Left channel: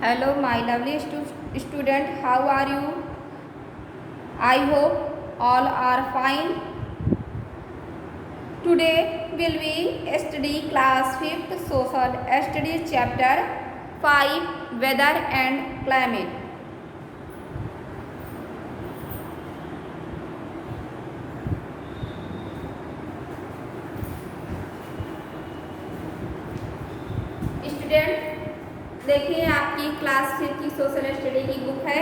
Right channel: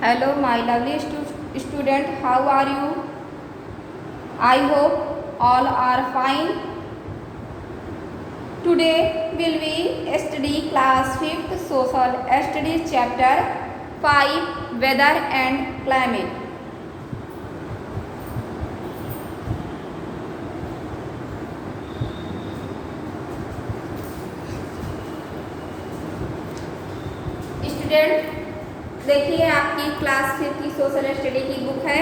Hello, my lovely student. How are you? I hope all are fine. Today will we study class 5th social studies chapter 5 weather and climate. Student देखिए, आपकी class 5 की social study की book है।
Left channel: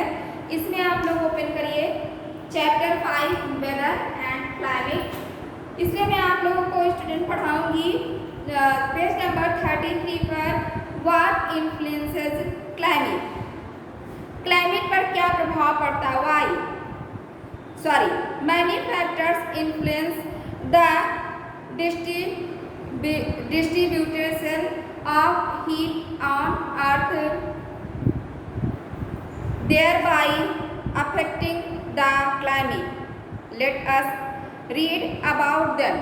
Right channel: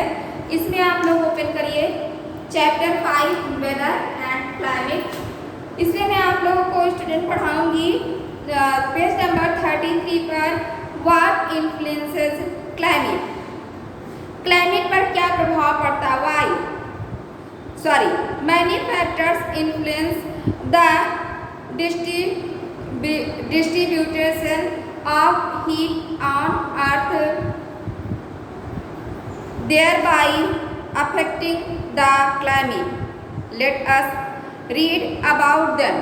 इसमें आप लोग open करिए chapter 5 weather and climate. इसमें मैं आप लोगों को स्टूडेंट पढ़ाऊंगी पेज नंबर 33 पर व्हाट इन्फ्लुएंसेस क्लाइमेट। क्लाइमेट पर क्या प्रभाव पड़ता है? Many factors influence the distribution of heat on earth, thereby affecting the climate. Let us read about them.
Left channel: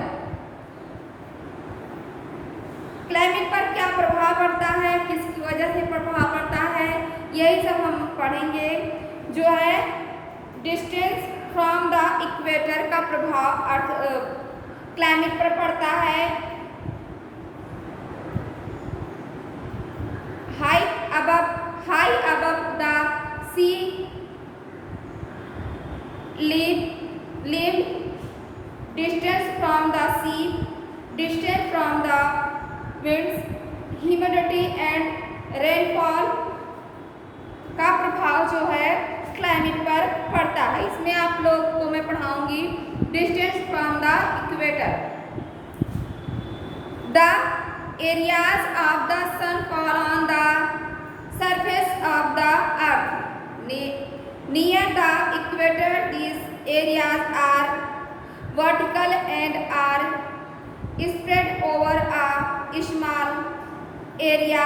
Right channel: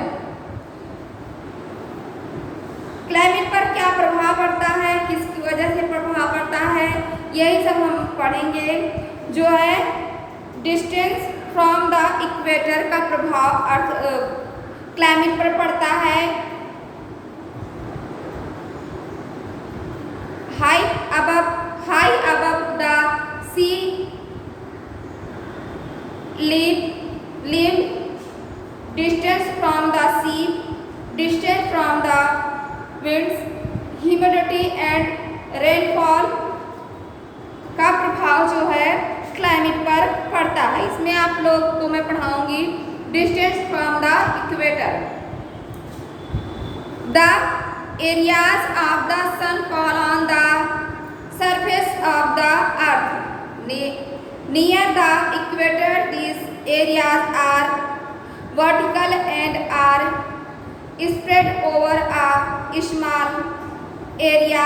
Climate पर क्या प्रभाव पड़ता है, किसकी वजह से प्रभाव पड़ता है, यही सब हम पढ़ेंगे। जो है डिस्टेंस फ्रॉम द इक्वेटर का प्रभाव अर्थ क्लाइमेट पर पड़ता है। high above the sea level, distance from the sea, distance from the winds, humidity and rainfall का प्रभाव जो है क्लाइमेट पर पड़ता है। इसमें आप लोग को मैं पढ़ाऊंगी distance from the equator. The areas of the sun fall on the surface of the earth near the equator. These areas are vertical and are spread over a small area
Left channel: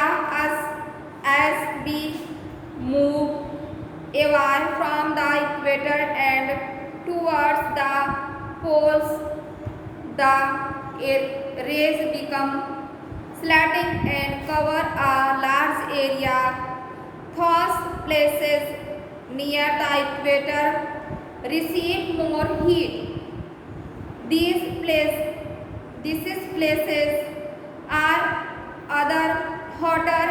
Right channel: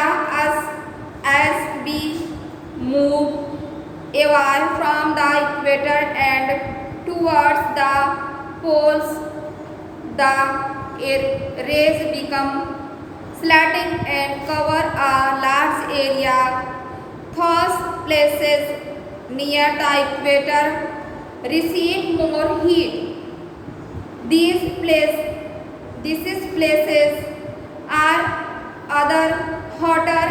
as we move away from the equator and towards the poles. The rays become slanting and cover a large area. Those places near the equator receive more heat. These places are other hotter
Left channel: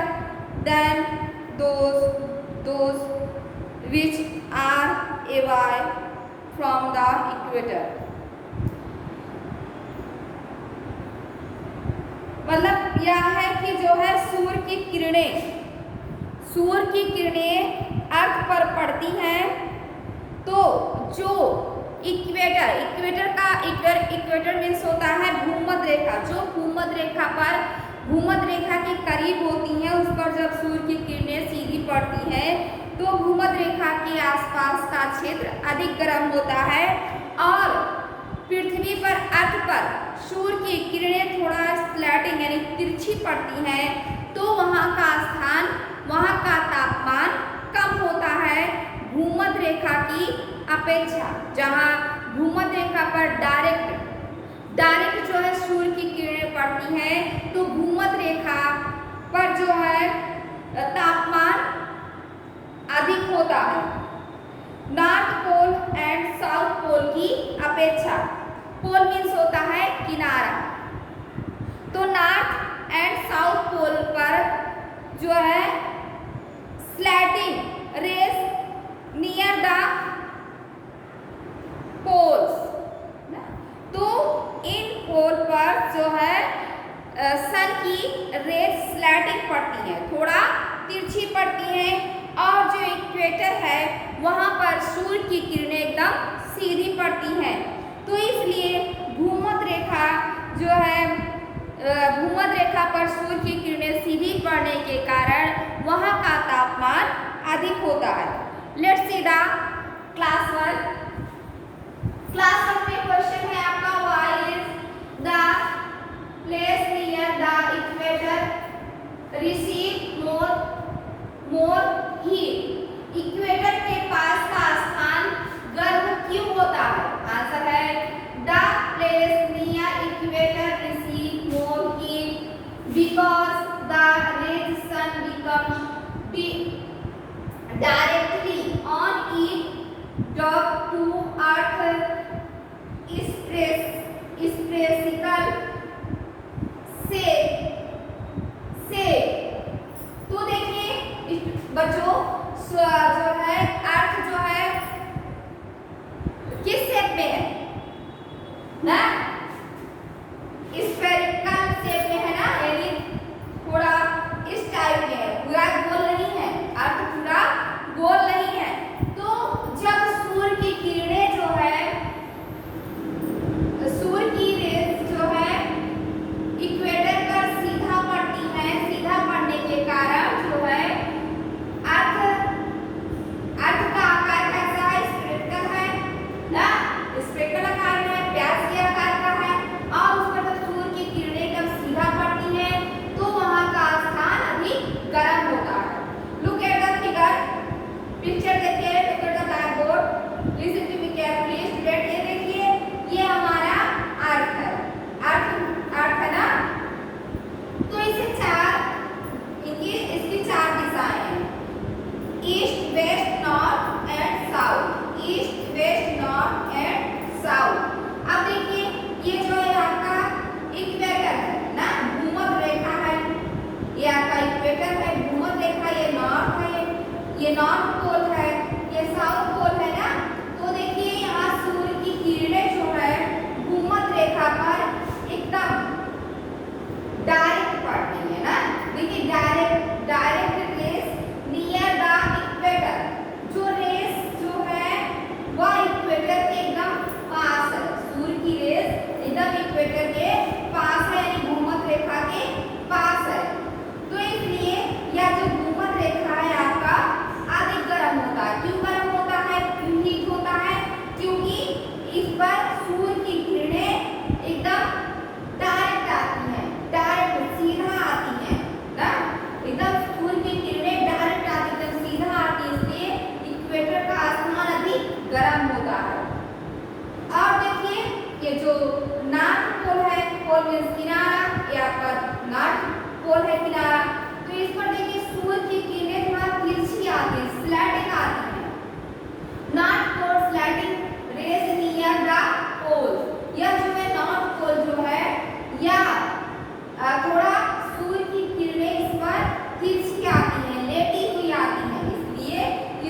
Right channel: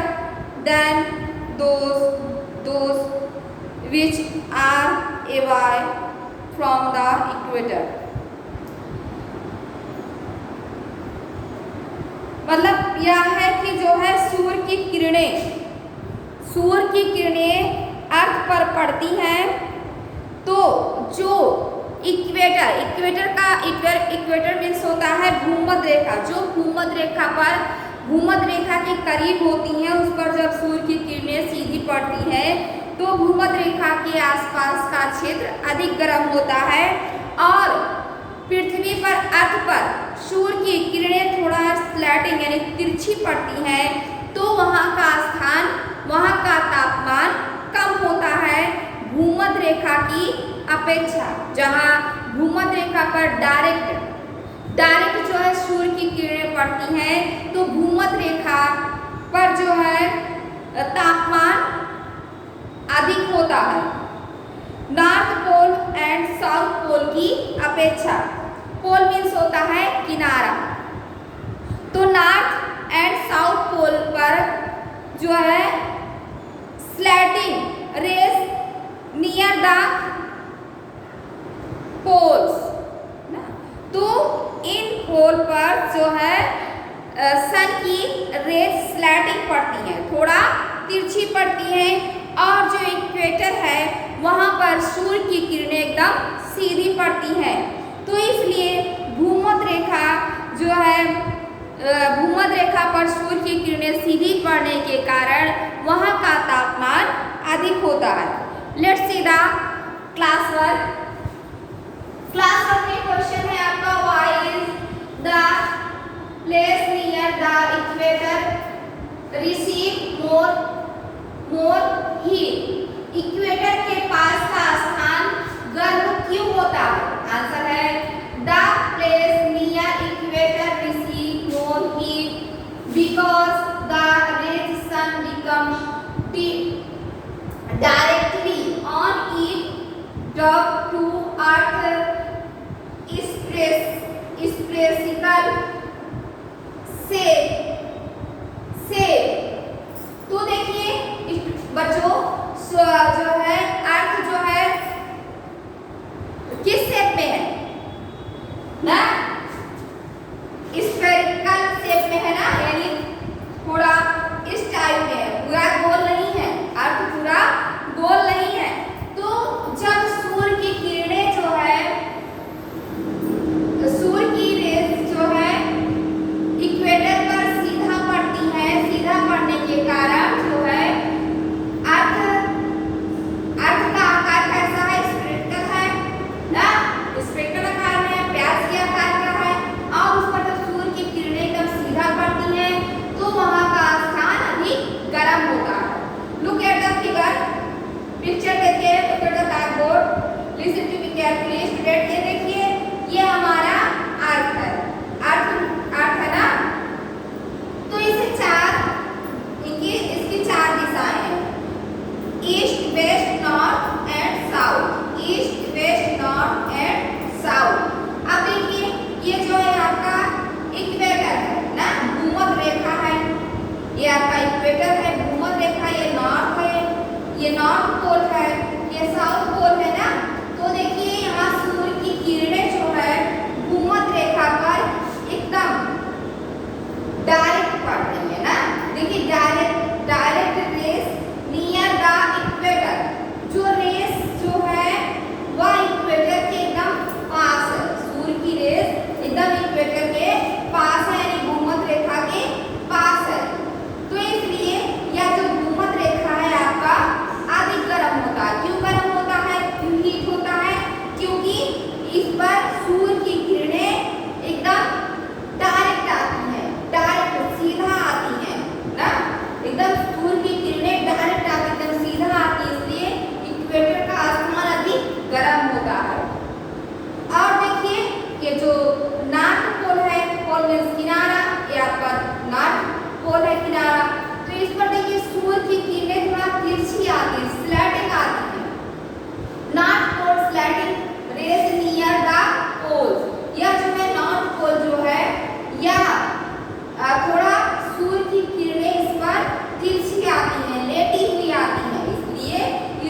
than those which are away from the equator. मतलब यह है कि जो है सूर्य की किरणें अर्थ पर पड़ती हैं, तो जो इक्वेटर मीन्स होता है भूमध्य रेखा। जो भूमध्य रेखा के करीब होती हैं, उस पर जब सूर्य की किरणें सीधी पड़ती हैं तो भूमध्य रेखा के आसपास का क्षेत्र अधिक गर्म होता है और पृथ्वी पर अर्थ पर सूर्य की किरणें थोड़ा स्लैटिंग यानी तिरछी पड़ती हैं, तो वहाँ का तापमान कम होता है भूमध्य रेखा की अपेक्षा। जहाँ भूमध्य रेखा पर डायरेक्ट जो है सूर्य की किरणें पड़ती हैं, तो भूमध्य रेखा पर जो है तापमान अधिक होता है north Pole and South Pole की अपेक्षा। पोल मीन्स होता है किनारा, तो नॉर्थ एंड साउथ पोल पर जो है slanting rays near the poles, तो इन पोल पर जो है सन की रेस स्लैटिंग पड़ती है, थोड़ा तिरछी पड़ती है, और जो इक्वेटर है वहाँ पर सूर्य की किरणें एकदम सीधी पड़ती हैं। तो इसलिए भूमध्य रेखा पर सूर्य की किरणें सीधी पड़ने के कारण वहाँ का तापमान अधिक होता है। Let's see the class work. में क्वेश्चन है आपका why is the place near the equator receive more heat. Equator के पास का स्थान गर्म क्यों होता है? आंसर है the place near equator receive more heat because the rays sun become spherical shape. तो देखिए बच्चों जो है अर्थ जो है किस शेप में है ना, स्फेरिकल शेप में है ना, यानी थोड़ा इस टाइप में है, पूरा गोल नहीं है, अर्थ पूरा गोल नहीं है। तो जब सूर्य की किरणें जो है, सूर्य की रेस जो है इक्वेटर पर सीधा पड़ती है, सीधा पड़ने के कारण जो है अर्थ का आकार कैसा है, स्फेरिकल है ना, स्फेरिकल आकार में, प्याज के आकार का है। और उस पर जब सूर्य की किरणें एकदम सीधा पड़ती है तो वहां का स्थान अधिक गर्म होता है। Look at the figure, picture देखिए, look at the blackboard, listen to me carefully student. ये देखिए, ये हमारा अर्थ है, अर्थ है ना। तो इसे इसकी चार दिशाएं हैं, east west north and south, east west north and south. अब देखिए ये जो है आपका इक्वेटर है ना, भूमध्य रेखा है, ये आपका इक्वेटर है, भूमध्य रेखा, ये नॉर्थ है, ये नॉर्थ पोल है, ये साउथ पोल है ना। तो देखिए यहाँ सूर्य की किरणें जो है भूमध्य रेखा पर एकदम डायरेक्ट पड़ती है ना। देखिए direct rays near the equator, जो रेस जो है वह इक्वेटर के एकदम पास है, सूर्य की रेस एकदम इक्वेटर के पास है, यानी भूमध्य रेखा के पास है। तो इसलिए यह जो भूमध्य रेखा है आपका अधिक गर्म होता है। क्यों गर्म होता है, क्यों हीट होता है? क्योंकि इस पर सूर्य की किरणें एकदम डायरेक्ट आती हैं, डायरेक्ट सीधा आती हैं ना, एकदम सूर्य की किरणें डायरेक्ट आती, एकदम सीधा आती, इसलिए इक्वेटर का स्थान अधिक गर्म होता है। और देखिए ये जो नॉर्थ पोल है, पोल मीन्स किनारा, ये आपका नॉर्थ पोल है किनारा। तो इस पर देखिए सूर्य की किरणें थोड़ा तिरछी आती है, स्लैटिंग आती है, north pole slanting rays near the pole. यह जो है नॉर्थ पोल जो है यह थोड़ा सूर्य की किरणें इस पर तिरछी आती हैं, लेटी हुई आती हैं, इसलिए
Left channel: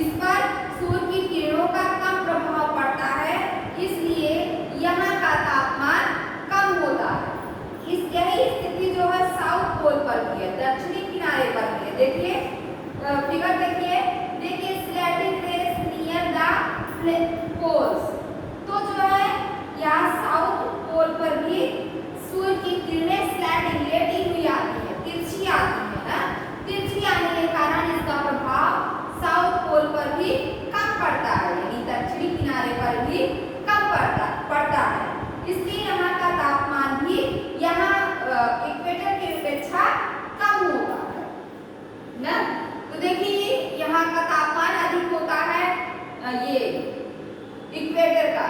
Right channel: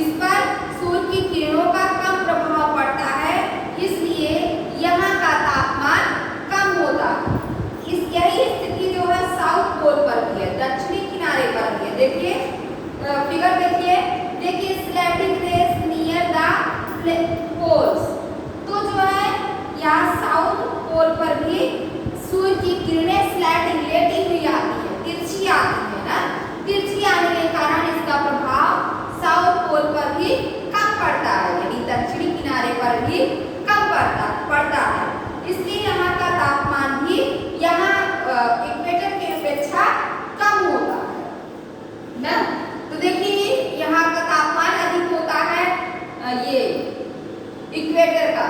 इस पर सूर्य की किरणों का कम प्रभाव पड़ता है, इसलिए यहाँ का तापमान कम होता है। यही स्थिति जो है साउथ पोल पर भी है, दक्षिणी किनारे पर भी है। देखिए फिगर देखिए slanting rays near the poles. तो जो है यहाँ साउथ पोल पर भी सूर्य की किरणें स्लैटिंग लेटी हुई आती है, तिरछी आती है ना। तिरछी आने के कारण इसका प्रभाव साउथ पोल पर भी कम पड़ता है, यानी दक्षिणी किनारे पर भी कम पड़ता है। इसलिए यहाँ का तापमान भी यहाँ इक्वेटर की अपेक्षा कम होता है ना। तो देखिए यहाँ का तापमान अधिक होता है, ये इक्वेटर का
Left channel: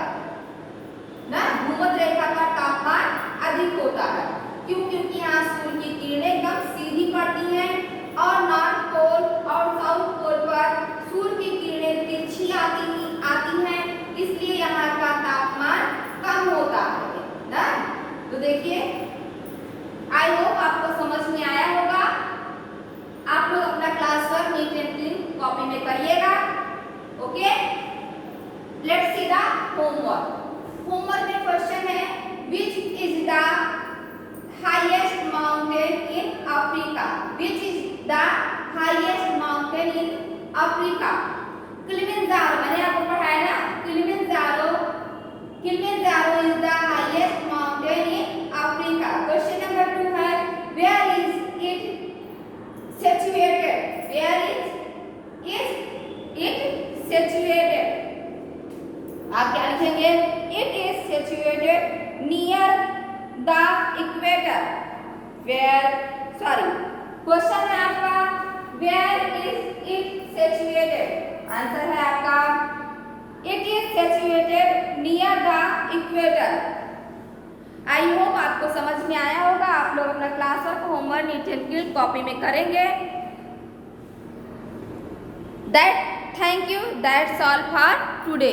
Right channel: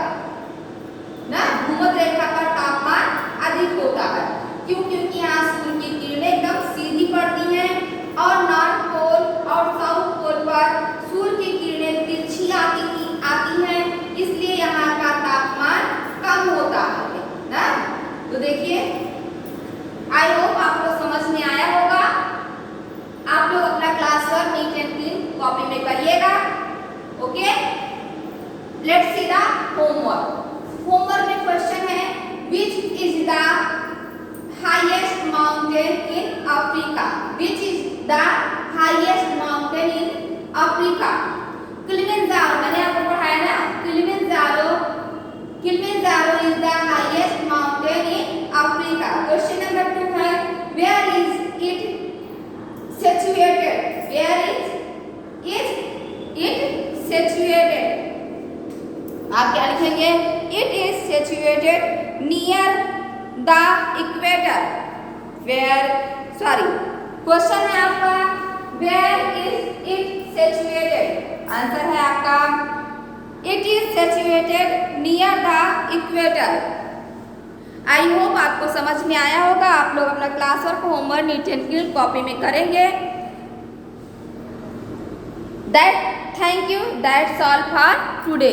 ना, भूमध्य रेखा पर तापमान अधिक होता है। क्यों? क्योंकि यहाँ सूर्य की किरणें एकदम सीधी पड़ती हैं और नॉर्थ पोल और साउथ पोल पर सूर्य की किरणें तिरछी आती हैं, इसलिए यहाँ का तापमान कम होता है ना। तो देखिए आई होप आपको समझ में आया होगा। आप लोग अपना class work neat and clean copy में करिएगा। Okay, let's see the homework. Homework में क्वेश्चन है, which is the highest mountain in Africa, which is the highest mountain in Africa. Kilimanjaro, मैंने आपको पढ़ाया ना, Kilimanjaro is the highest mountain in Africa. Question number 2 है, where is it situated, where is it situated. आप क्या लिखेंगे, it is situated near the equator, question है आपका where is it situated, answer है आपका it is situated near the equator. I hope आपको समझ में आया होगा। आप लोग अपना class work homework neat and clean copy में करेंगे। Thank you, that's all for today.